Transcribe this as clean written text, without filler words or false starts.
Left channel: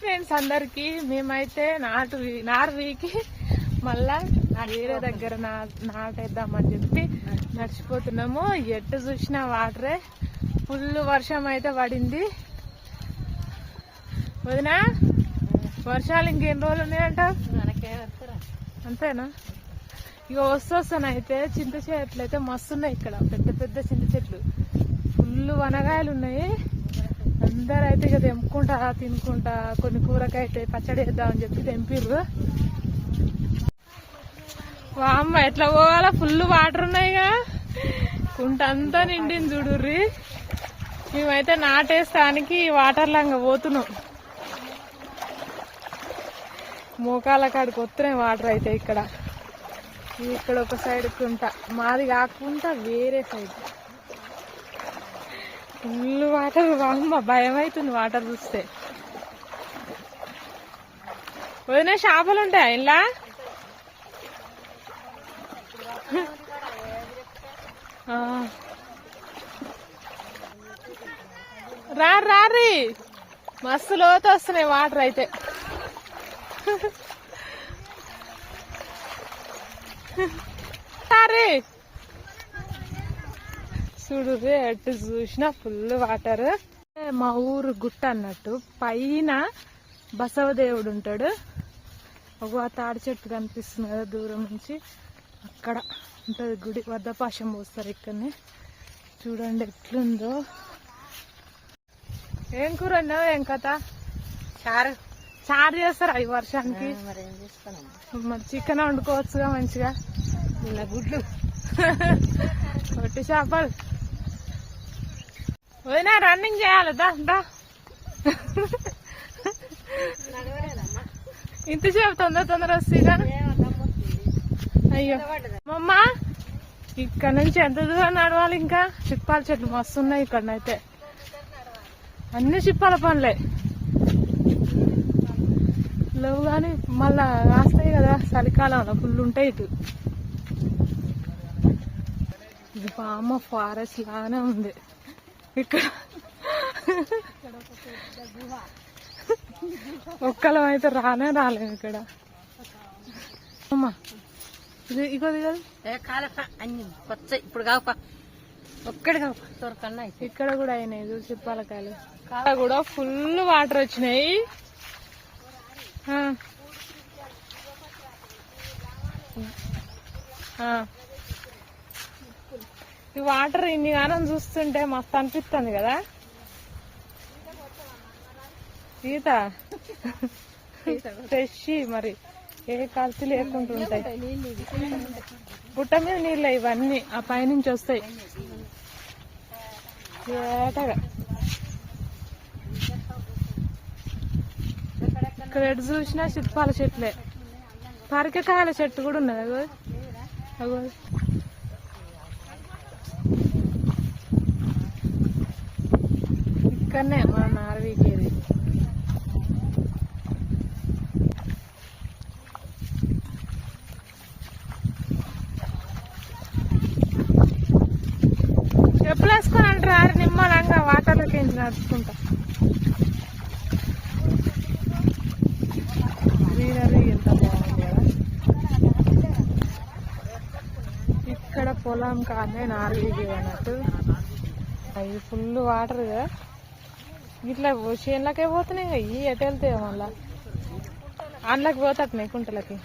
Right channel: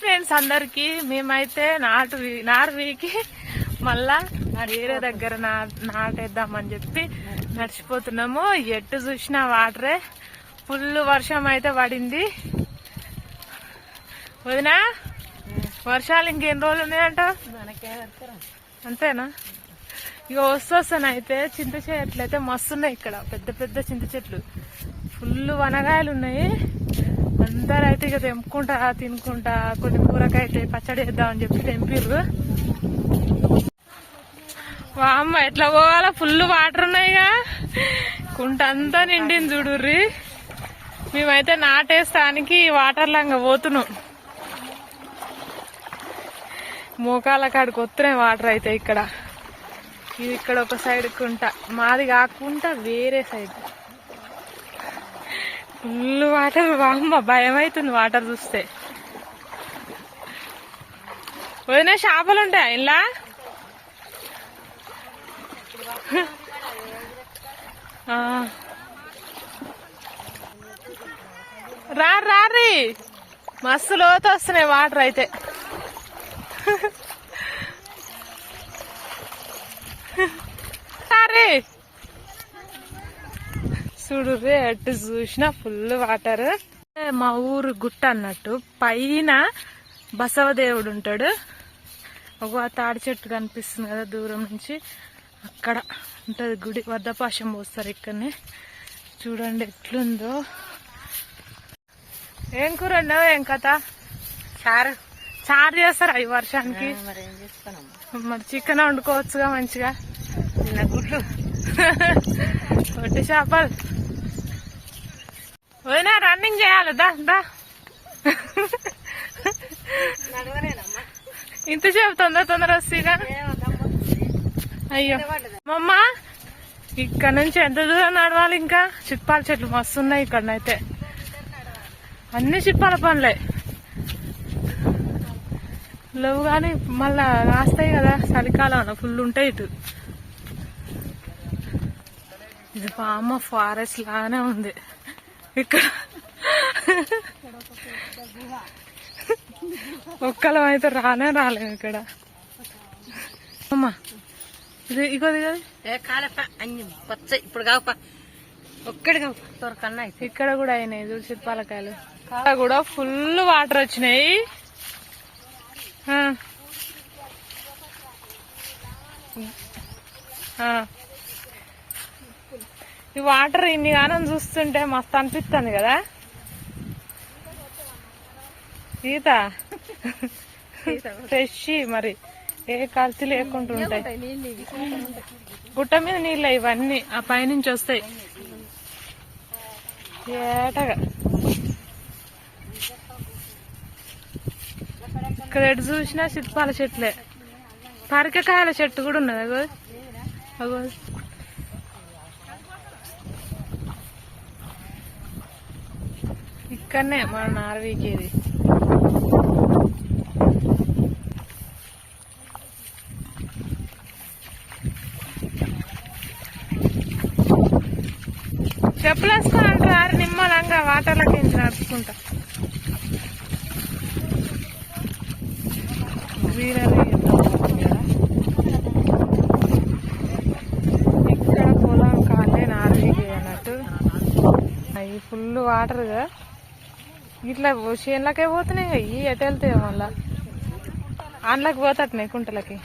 Friends అందరికి మేమైతే నార్వీకి మళ్ళా వేరే దగ్గర నాటేద్దామని చెప్పి నడిచిపోతున్నాము. ఎట్టు చూసినా వాటరే, ఫుల్ వర్షం అయితే పడింది. వదినా వర్షాలు ఇంకెన్ని రోజులు ఉన్నాయంట? అంతేనా? ఇక వస్తానైతే చింత చెట్లు అయితే మస్తున్నాయి. ఇక్కడ పెద్ద పెద్ద చింత చెట్లు, ఫుల్ వనగాయలు ఉన్నాయి. అందరూ అయితే ఇక తెంపుకుంటా తినుకుంటా కొన్ని కూరకైతే పచ్చడి వేద్దామని చెప్పి తెంపిర్రు. వామ్మ ఎట్లా పోవాలా, ఫుల్ వాటర్ ఉన్నాయిగా, కుంట అంతా నిండింది చూడుర్రి. మేమైతే నాటేస్తానికి వాటర్ లాగా పోతున్నాం. మోకాల కాడికి వస్తున్నాయి వాటర్ అయితే. ఇక్కడ ఒక సైడ్ కుంట, మాది కాకుండా వేరే సైడ్ ఫుల్ వాటర్. వామ్మ భయం అవుతుంది వాటర్ చూస్తే. వదిన చేపలు ఉంటాయి ఇలా? రారీ మస్తు లోతు వస్తున్నాయి వాటర్ అయితే. సారీ చూడు రే, అటు చూసినా ఫుల్ వాటర్. మా ఊరు గుట్ట అన్నట్టు, పైన బసవదేవుడు ఉంటాడు. ఒక తాడి చెట్టు కనిపిస్తుంది కదా దూరం నుంచి, అక్కడ ఉంటది గుడి. వద్దపాశం పోస్తారు ఇక్కడనే. చూడండి ఎట్లుందో. ఏం కూర అన్నావు? ఏం కథ? చారు చేస్తారా ఈ వర్షానికి? మరి చికెన్ వండుకోవచ్చుగా మంచిగా. గుడ్లు వట్టి చేపలు. పోయినా రన్నింగ్ చేయాలి. దా ఇంతసేపు తొందర వస్తేగా. అయ్యో మమ్మ, ఇక్కడ నుంచి ఎంత దూరం నడవాలి ఇంకా? చిప్పాల చెట్లు మస్తున్నాయి ఇక్కడనైతే, అన్ని చిప్పాల పనులే లేవు కానీ మళ్ళా కాస్తాయి కదా చలికాలంలో, ఫుల్ ఉంటాయి ఇటు. ఇది పామ ఫారెస్ట్ లాగానే ఉంది ఇక్కడ. ఒక్కలం అయితే రాలేము ఇక్కడ. అమ్మా ఇది ఇగోది కదా, ఇక్కడ కూడా అయినాయి చూడు చిప్పాలకాయలు. ఇక్కడ కూడా ఫుల్ వాటర్ వచ్చినాయి. ఈ వాటర్ ఇన్ని గానం చూస్తుంటే మస్తు అనిపిస్తుంది కదా. ఈత ఫ్రెష్, మరి ఏ కల్తీ లేకుండా ఉంటాయి. గుట్ట మీద నీళ్ళు ఇవన్నీ ఆ పైనుంచి వస్తాయి ఏటగా. ఇక్కడ ఎటు చూసినా చిత్పాల చెట్లే. పరికకాయల చెట్టు కూడా ఉన్నది అగో అగో. ఇక్కడనే మన నార్వీకేది. చెప్పులు వేసుకొని అంటారు నిమ్మలంగా వాటర్లోకి ఎంచి నడుచుకుంటా. గ్రీనరీ ఎంత బాగుంది కదా. ఇక్కడ పొలం కాలే నార్వీకి అన్నట్టు. అవి ఫుల్ వాటర్ గా ఇట్లా చేనులకే పోతున్నాయి. అవి ఎటు వెళ్తాయో మళ్ళా అందులోకి పోతాయి కుంటలకి.